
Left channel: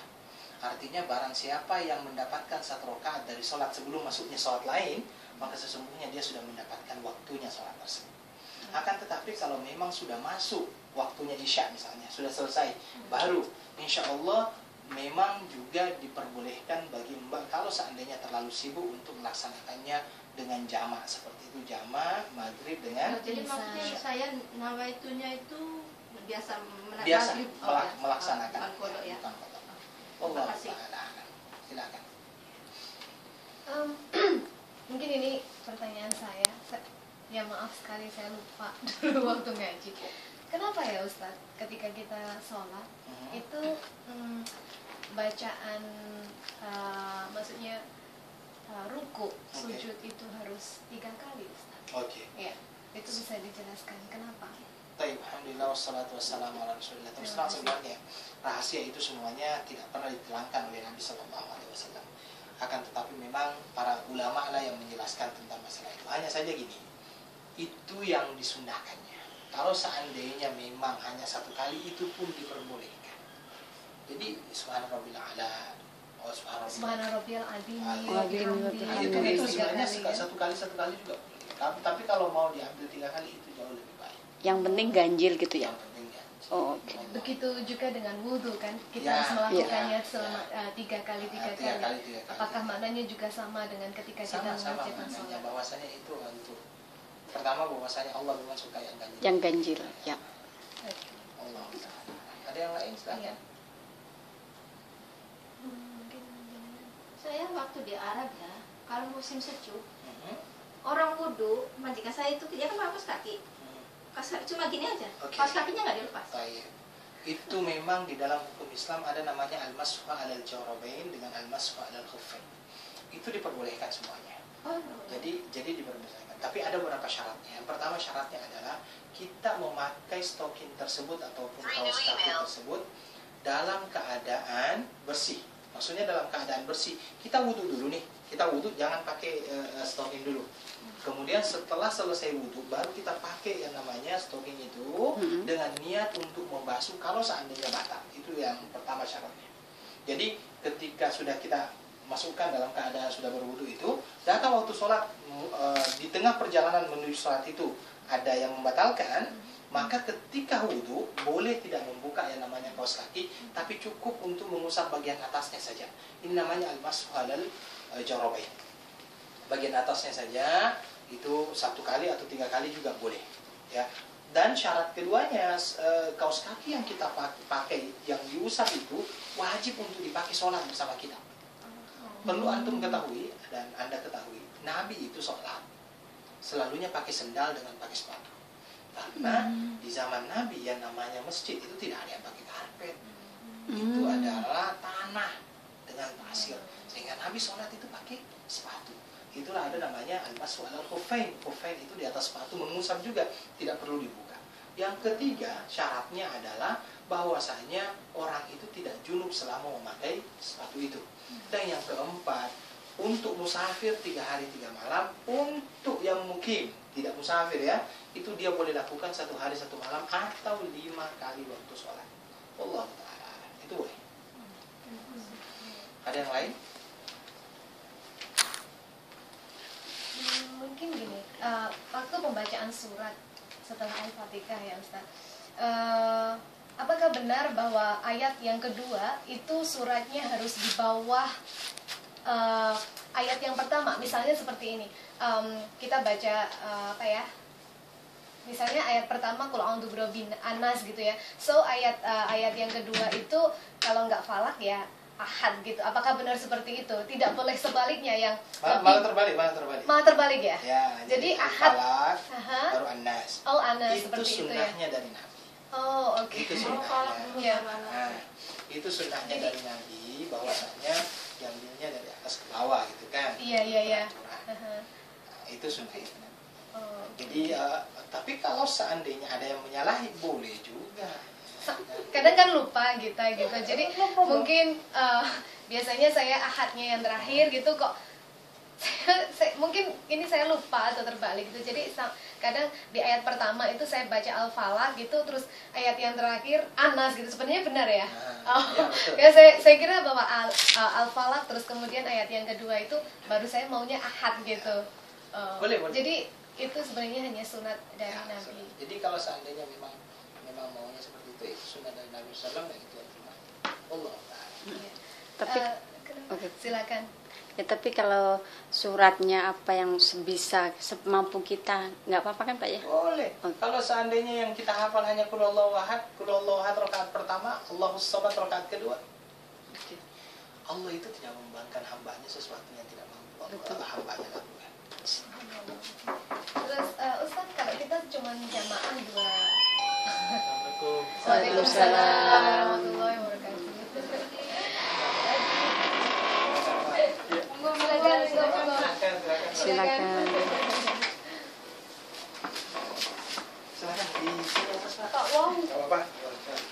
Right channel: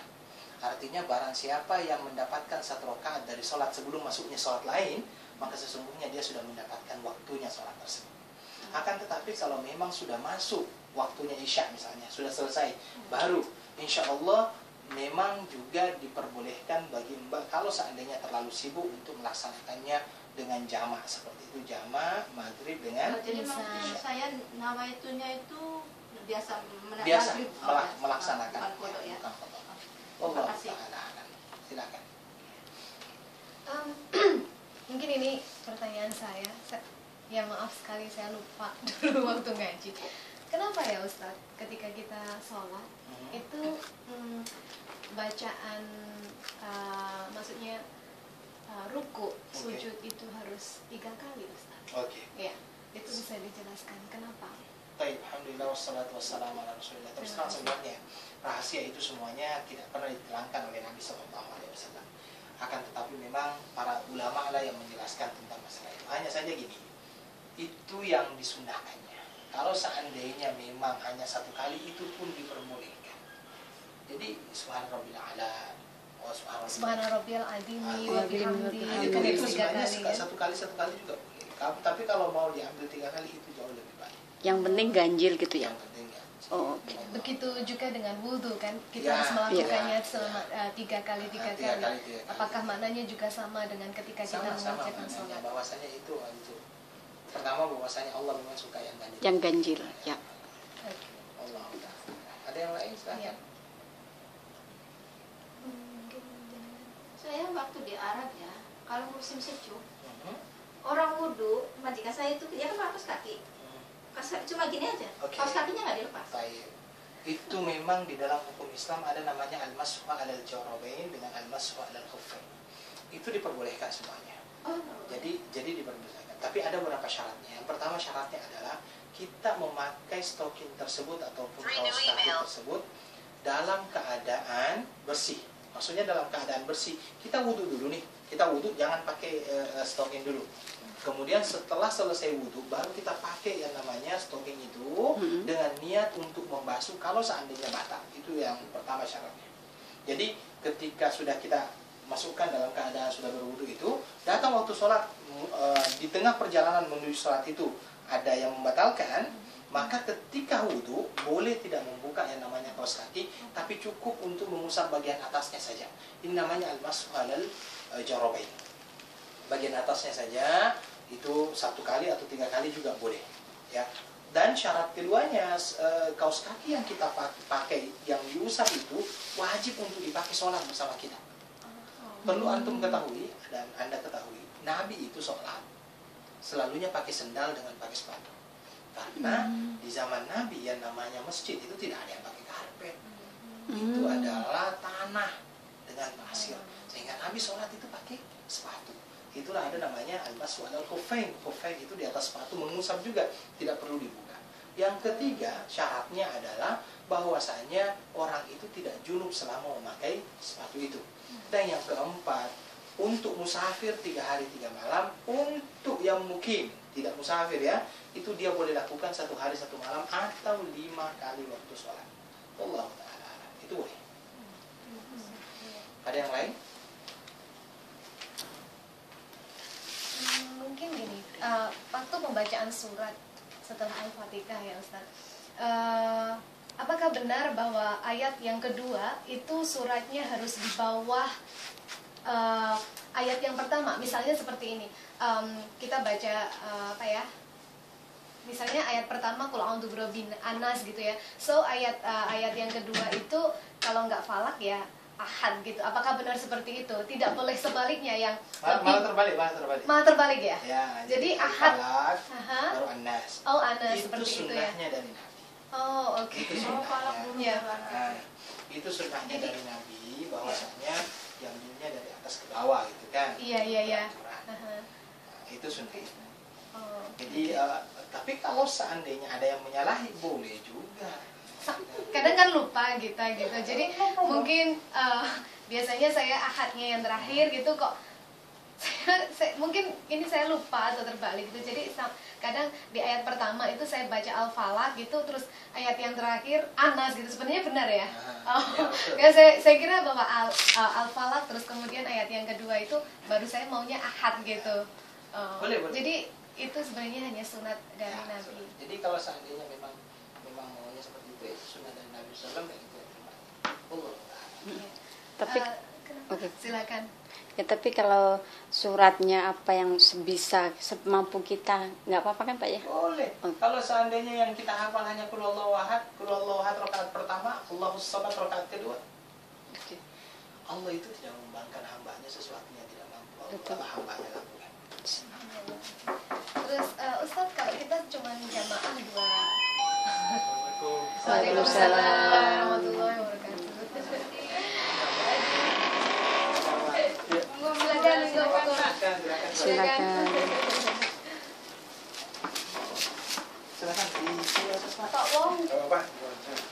Artinya barang siapa yang mendapatkan 1 rakaat dari sholat sebelum masuknya sholat lain, maka sesungguhnya dia sudah mendapatkan waktunya sholat tersebut. Akan tetapi kalau memang sudah masuk waktunya isya misalnya, sudah selesai, baru insya Allah memang juga diperbolehkan bagi mbak kalau seandainya terlalu sibuk untuk melaksanakannya dengan jamak seperti itu, jamak maghrib dengan Jadi Bisa. maksudnya saya nama itunya itu biasa maghrib, melaksanakan bukan kodok ya. bukan kodok. Allah kasih. ta'ala alam. Silakan. Mungkin ini pertanyaan saya. Ya maaf sekali saya lupa dulu waktu ngaji. Kenapa ya Ustadz ketika kita sholat itu bacaan maksudnya ruku, sujud itu harus 3 kali Ustadz? Oke. Ya, itu bisa dijelaskan kenapa? Baik, alhamdulillah wassalatu wassalamu ala rasulillah. Terus terang sebenarnya rahasia itu semuanya tidak pernah diterangkan oleh Nabi sallallahu alaihi wasallam. Akan tetapi memang para ulama lah yang menjelaskan tentang masalah itu. Hanya saja gini, itu yang disunahkannya. Kalau seandainya memang hanya 1 kali, itu pun diperbolehkan. Jadi subhanarabbil a'la, Subhana rabbiyal azim Wa bihamdihi. itu itu 3 sebenarnya kali ya. satu kali juga boleh. Tapi kalau mau diambil 3 kali itu jauh lebih baik. Yang penting ganjil gitu ya. Yang penting ya. Oh, oke. Begitu juga dengan wudhu kan, kita Ya, harus melakukannya ya, selama 3 kali 3 3 kali. kali, 3 kali. Apakah maknanya juga sama dengan ketika kita Sama-sama mengerjakan maknanya, sholat? bahwasanya itu untuk pertama bahwasanya Allah memang suka yang ganjil. Yang ganjil, ya. Allah ta'ala. Ada yang lain silahkan. Saya waktu di Arab ya, kalau musim sejuk, Mhm. orang wudhu, majikan saya itu dia kan kaos kaki, cuma gini aja, Oke. kaos kakinya nggak dilepas. Baik. Itu memang di dalam hukum Islam ada namanya al-mashu 'alal jawrabain dengan al-mashu 'alal khuffain. Itu diperbolehkan semuanya. Oh, Jadi diperbolehkan. Tapi ada beberapa syaratnya. Yang pertama syaratnya adalah kita memakai stocking tersebut ataupun kaos kaki tersebut dalam keadaan bersih. Maksudnya dalam keadaan bersih. Kita wudhu dulu nih. Kita wudhu jangan pakai stocking dulu. Kemudian setelah selesai wudhu baru kita pakai yang namanya stocking itu dengan niat untuk membasuh kalau seandainya batal. Itu yang pertama syaratnya. Jadi ketika sudah kita masukkan dalam keadaan sudah berwudu itu, datang waktu sholat, di tengah perjalanan menuju sholat itu ada yang membatalkan, maka ketika wudu boleh tidak membuka yang namanya kaos kaki, tapi cukup untuk mengusap bagian atasnya saja. Ini namanya al-mashu 'alal jawrabain. Bagian atasnya saja itu 1 kali atau 3 kali juga boleh, ya. Dan syarat keduanya, kaos kaki yang kita pakai yang diusap itu wajib untuk dipakai sholat bersama kita. Perlu antum ketahui dan anda ketahui, Nabi itu sholat selalunya pakai sendal dengan pakai sepatu. Karena di zaman Nabi yang namanya masjid itu tidak ada yang pakai karpet. Itu adalah tanah dengan pasir, sehingga Nabi sholat itu pakai sepatu. Itulah ada namanya al-mashu alal khuffain. Khuffain itu di atas sepatu, mengusap juga, tidak perlu dibuka. Yang ketiga, syaratnya adalah bahwasanya orang itu tidak junub selama memakai sepatu itu. Dan yang keempat, untuk musafir 3 hari 3 malam, untuk yang mukim tidak musafir ya, itu dia boleh lakukan 1 hari 1 malam atau 5 kali waktu sholat. Allah Ta'ala, itu boleh. Ada yang lain? Mungkin gini, waktu pembacaan surat setelah Al-Fatihah ya Ustaz, apakah benar bahwa ayat yang kedua itu suratnya harus di bawah ayat yang pertama? Misalnya seperti ini, kita baca apa ya? Misalnya ayat pertama qul a'udzu birabbin anas gitu ya. So ayat yang kedua itu kalau nggak falak ya ahad gitu. Apakah benar seperti itu? Tidak boleh sebaliknya yang Malah terbalik. malah terbalik ya? Ya, Jadi ahad falak, Aha. baru anas. Oh, anas Itu seperti itu ya. sunnahnya dari Nabi. Oh, oke. Itu sunnahnya. Ya. Nah, itu sunnahnya dari Nabi, bahwasanya diambilnya dari atas ke bawah gitu kan. Iya. Peraturan. Aha. Nah, itu sunnahnya. Oh, Jadi tapi kalau seandainya ada yang menyalahi, boleh juga. kadang kan lupa kita gitu. Jadi mungkin biasanya saya ahadnya yang terakhir gitu kok. Mungkin ini saya lupa atau terbalik gitu. Jadi kadang di ayat pertama itu saya baca Al-Falaq gitu, terus ayat yang terakhir Anas gitu. Sebenarnya benar ya? Ya, saya kira bahwa Al-Falaq terus kemudian ayat yang kedua itu baru saya maunya ahad gitu. Boleh. Jadi itu sebenarnya hanya sunat dari Nabi. Jadi kalau seandainya memang maunya seperti itu sunat dari Nabi SAW, dan itu yang terbaik. Allah. Iya. Tapi Kenapa? oke. Silakan. Ya, tapi kalau suratnya apa yang sebisa semampu kita, nggak apa-apa kan Pak ya? Boleh. Oh. Kalau seandainya yang kita hafal hanya qul huwallahu ahad rakaat pertama, Allahus samad rakaat kedua. Oke. Allah itu tidak membebankan hambanya sesuatu yang tidak mampu Betul. Allah hambanya lakukan. Terus Ustaz, kalau kita cuma jamaah dua. Assalamualaikum. Waalaikumsalam warahmatullahi wabarakatuh. Silakan. Silakan di sini atas Pak. Pak Wong, Enggak apa-apa.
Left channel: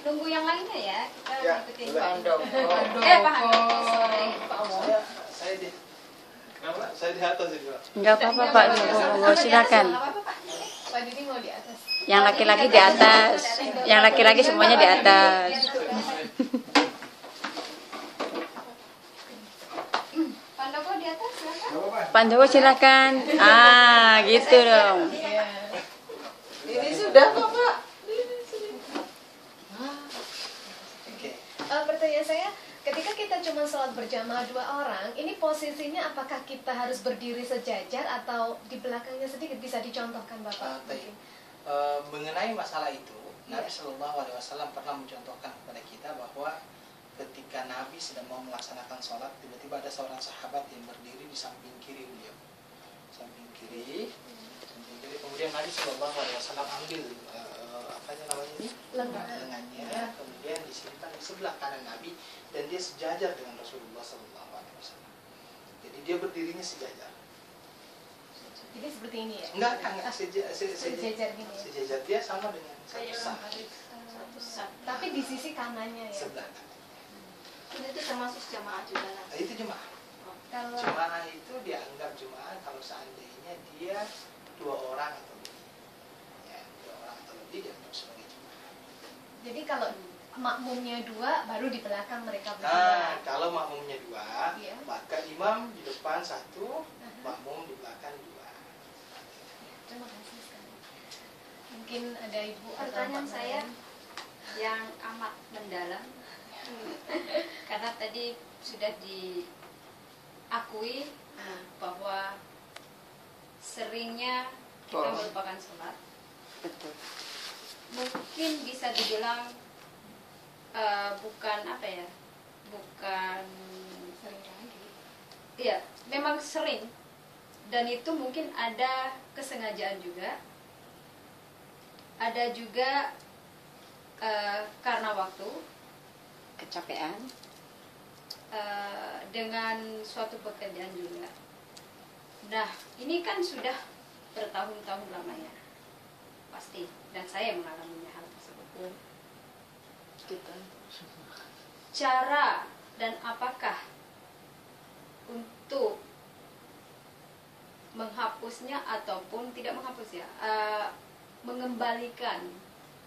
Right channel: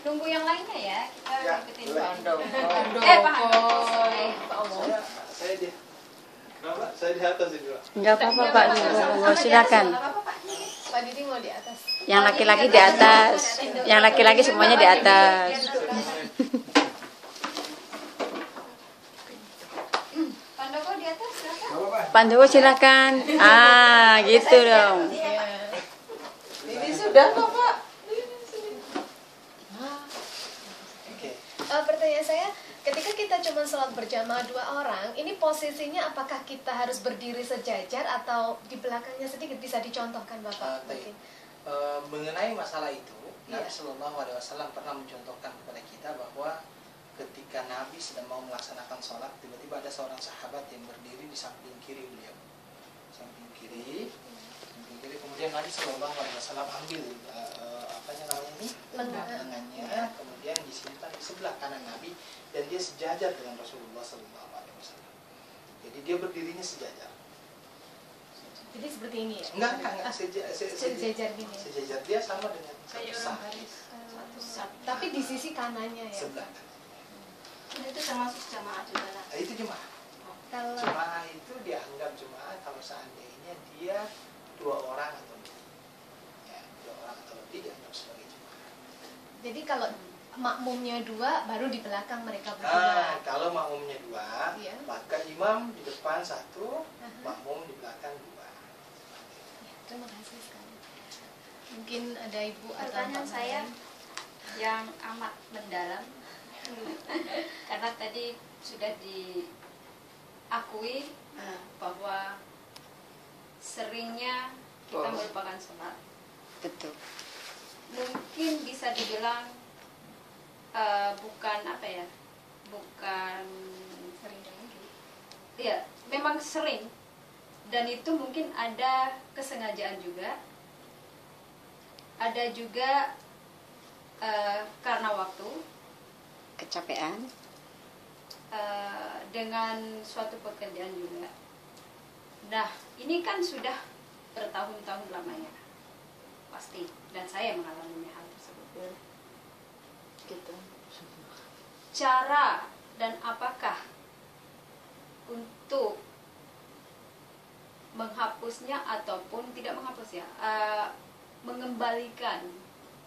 nunggu yang lainnya ya. Kita Ya, ikutin. boleh. Pak Sorry. Saya di Kenapa? Saya di atas ini, Pak. Nggak apa-apa Pak, monggo silakan. Pak Didi mau di atas. Yang laki-laki di atas, yang laki-laki semuanya di atas. Pandoko di atas silakan. Pandowo silakan. Gitu dong. Ini sudah kok Pak. Oke. Pertanyaan saya, ketika kita cuma sholat berjamaah 2 orang, ini posisinya apakah kita harus berdiri sejajar atau di belakangnya sedikit? Bisa dicontohkan Bapak? Baik. Mengenai masalah itu, Iya. Nabi Shallallahu Alaihi Wasallam pernah mencontohkan kepada kita bahwa ketika Nabi sedang mau melaksanakan sholat, tiba-tiba ada seorang sahabat yang berdiri di samping kiri beliau, samping kiri. Kemudian Nabi Shallallahu Alaihi Wasallam ambil lengannya, kemudian disimpan di sebelah kanan Nabi, dan dia sejajar dengan Rasulullah Shallallahu Alaihi Wasallam. Jadi dia berdirinya sejajar. Jadi seperti ini ya? Enggak, Sejajar gini ya? sejajar, dia sama dengan satu saf. Tapi di sisi kanannya ya? Sebelah. Itu termasuk jamaah juga lah. Itu jemaah. Kalau Jemaah itu dianggap jemaah kalau seandainya dia 2 orang atau lebih. Ya, 2 orang atau lebih dianggap sebagai jemaah. jadi kalau makmumnya 2, baru di belakang mereka Nah, berdua. kalau makmumnya 2, Iya. maka imam di depan 1, Aha. makmum di belakang 2. Terima kasih sekali. Mungkin ada Ibu atau Pertanyaan Pak saya Mariam. yang amat mendalam karena tadi sudah diakui bahwa seringnya kita melupakan sholat. Betul. Mungkin bisa dibilang bukan apa ya, bukan Sering lagi. ya memang sering, dan itu mungkin ada kesengajaan juga, ada juga karena waktu, kecapean. Dengan suatu pekerjaan juga. Nah, ini kan sudah bertahun-tahun lamanya, pasti. Dan saya mengalaminya hal tersebut. Gitu. Cara dan apakah untuk menghapusnya ataupun tidak menghapus ya, mengembalikan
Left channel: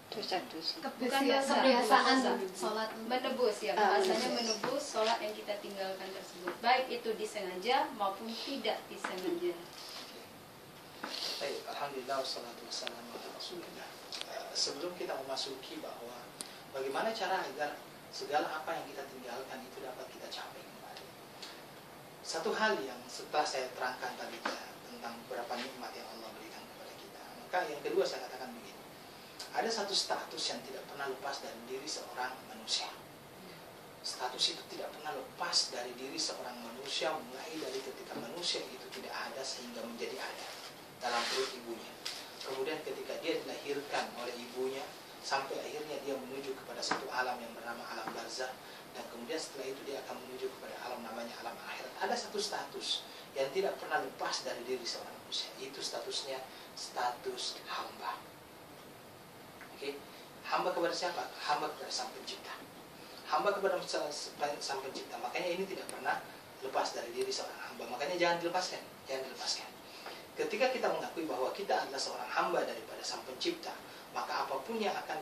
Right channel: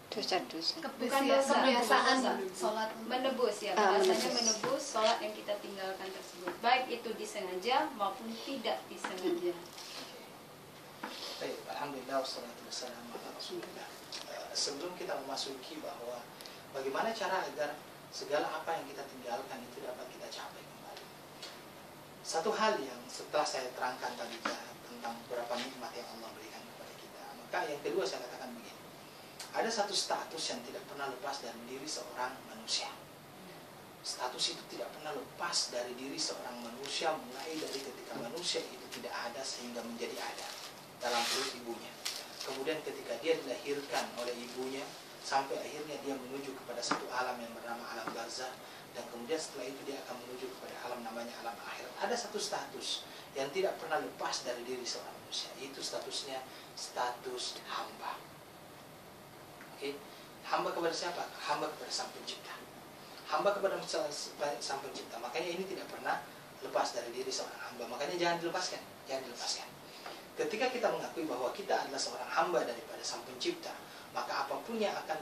Dosa-dosa. bukan dosa, kebiasaan dosa. sholat. Menebus ya, Ah, bahasanya menebus. menebus sholat yang kita tinggalkan tersebut, baik itu disengaja maupun tidak disengaja. Baik, alhamdulillah wassalatu wassalamu ala Rasulillah. Sebelum kita memasuki bahwa bagaimana cara agar segala apa yang kita tinggalkan itu dapat kita capai kembali. Satu hal yang setelah saya terangkan tadi tentang beberapa nikmat yang Allah berikan kepada kita, maka yang kedua saya katakan begini. Ada satu status yang tidak pernah lepas dari diri seorang manusia. Status itu tidak pernah lepas dari diri seorang manusia, mulai dari ketika manusia itu tidak ada sehingga menjadi ada dalam perut ibunya. Kemudian ketika dia dilahirkan oleh ibunya, sampai akhirnya dia menuju kepada satu alam yang bernama alam barzah, dan kemudian setelah itu dia akan menuju kepada alam namanya alam akhirat. Ada satu status yang tidak pernah lepas dari diri seorang manusia. Itu statusnya status hamba. Oke, hamba kepada siapa? Hamba kepada Sang Pencipta. Hamba kepada Sang Pencipta. Makanya ini tidak pernah lepas dari diri seorang hamba. Makanya jangan dilepaskan, jangan dilepaskan. Ketika kita mengakui bahwa kita adalah seorang hamba daripada Sang Pencipta, maka apapun yang akan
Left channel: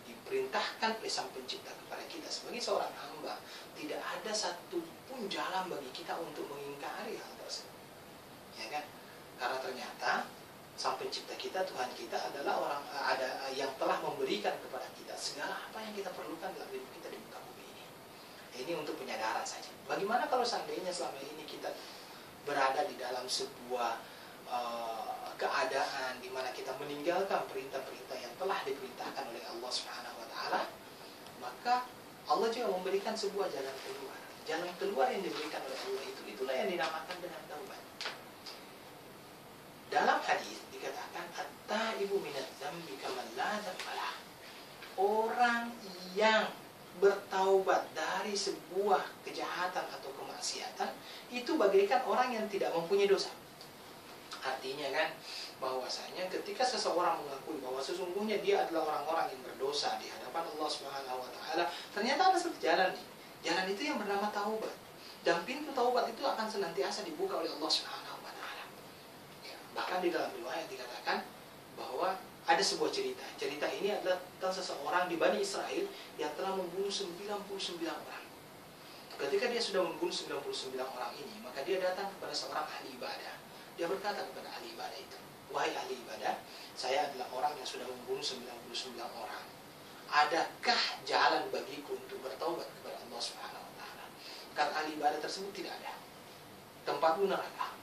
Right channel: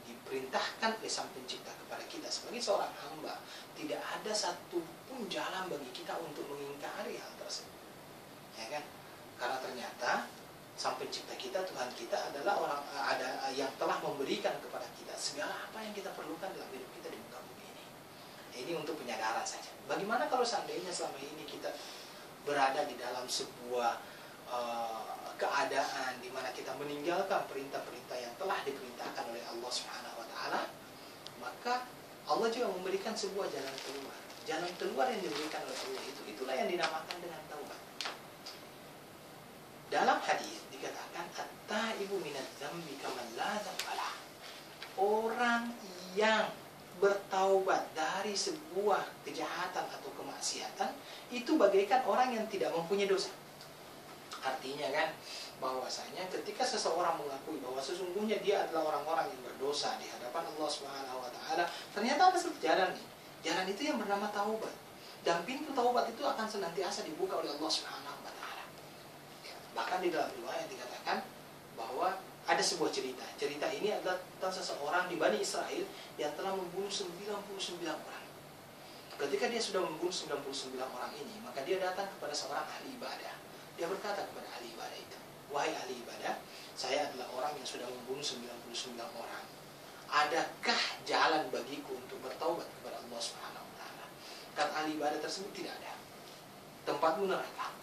diperintahkan oleh Sang Pencipta kepada kita sebagai seorang hamba, tidak ada satupun jalan bagi kita untuk mengingkari hal tersebut. Ya kan? Karena ternyata Sang Pencipta kita, Tuhan kita adalah yang telah memberikan kepada kita segala apa yang kita perlukan dalam hidup kita di muka bumi ini. Ini untuk penyadaran saja. Bagaimana kalau seandainya selama ini kita berada di dalam sebuah keadaan di mana kita meninggalkan perintah-perintah yang telah diperintahkan oleh Allah Subhanahu wa taala, maka Allah juga memberikan sebuah jalan keluar. Jalan keluar yang diberikan oleh Allah itulah yang dinamakan dengan taubat. Dalam hadis dikatakan at-taibu minadz dzambi kaman la dzambalah. Orang yang bertaubat dari sebuah kejahatan atau kemaksiatan itu bagaikan orang yang tidak mempunyai dosa. Artinya kan bahwasanya ketika seseorang mengakui bahwa sesungguhnya dia adalah orang-orang yang berdosa di hadapan Allah Subhanahu wa taala, ternyata ada satu jalan nih. Jalan itu yang bernama taubat. Dan pintu taubat itu akan senantiasa dibuka oleh Allah Subhanahu wa taala. Ya, bahkan di dalam riwayat dikatakan bahwa ada sebuah cerita. Cerita ini adalah tentang seseorang di Bani Israel yang telah membunuh 99 orang. Ketika dia sudah membunuh 99 orang ini, maka dia datang kepada seorang ahli ibadah. Dia berkata kepada ahli ibadah itu, "Wahai ahli ibadah, saya adalah orang yang sudah membunuh 99 orang. Adakah jalan bagiku untuk bertaubat kepada Allah Subhanahu wa taala?" Kata ahli ibadah tersebut, "Tidak ada. Tempatmu neraka."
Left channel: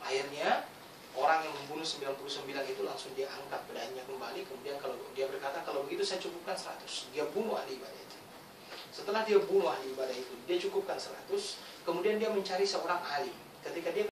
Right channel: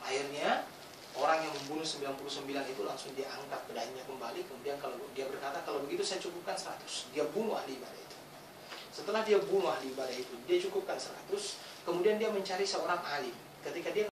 Akhirnya orang yang membunuh 99 itu langsung dia angkat pedangnya kembali. Kemudian kalau dia berkata, "Kalau begitu saya cukupkan 100. Dia bunuh ahli ibadah itu. Setelah dia bunuh ahli ibadah itu, dia cukupkan 100. Kemudian dia mencari seorang alim. Ketika dia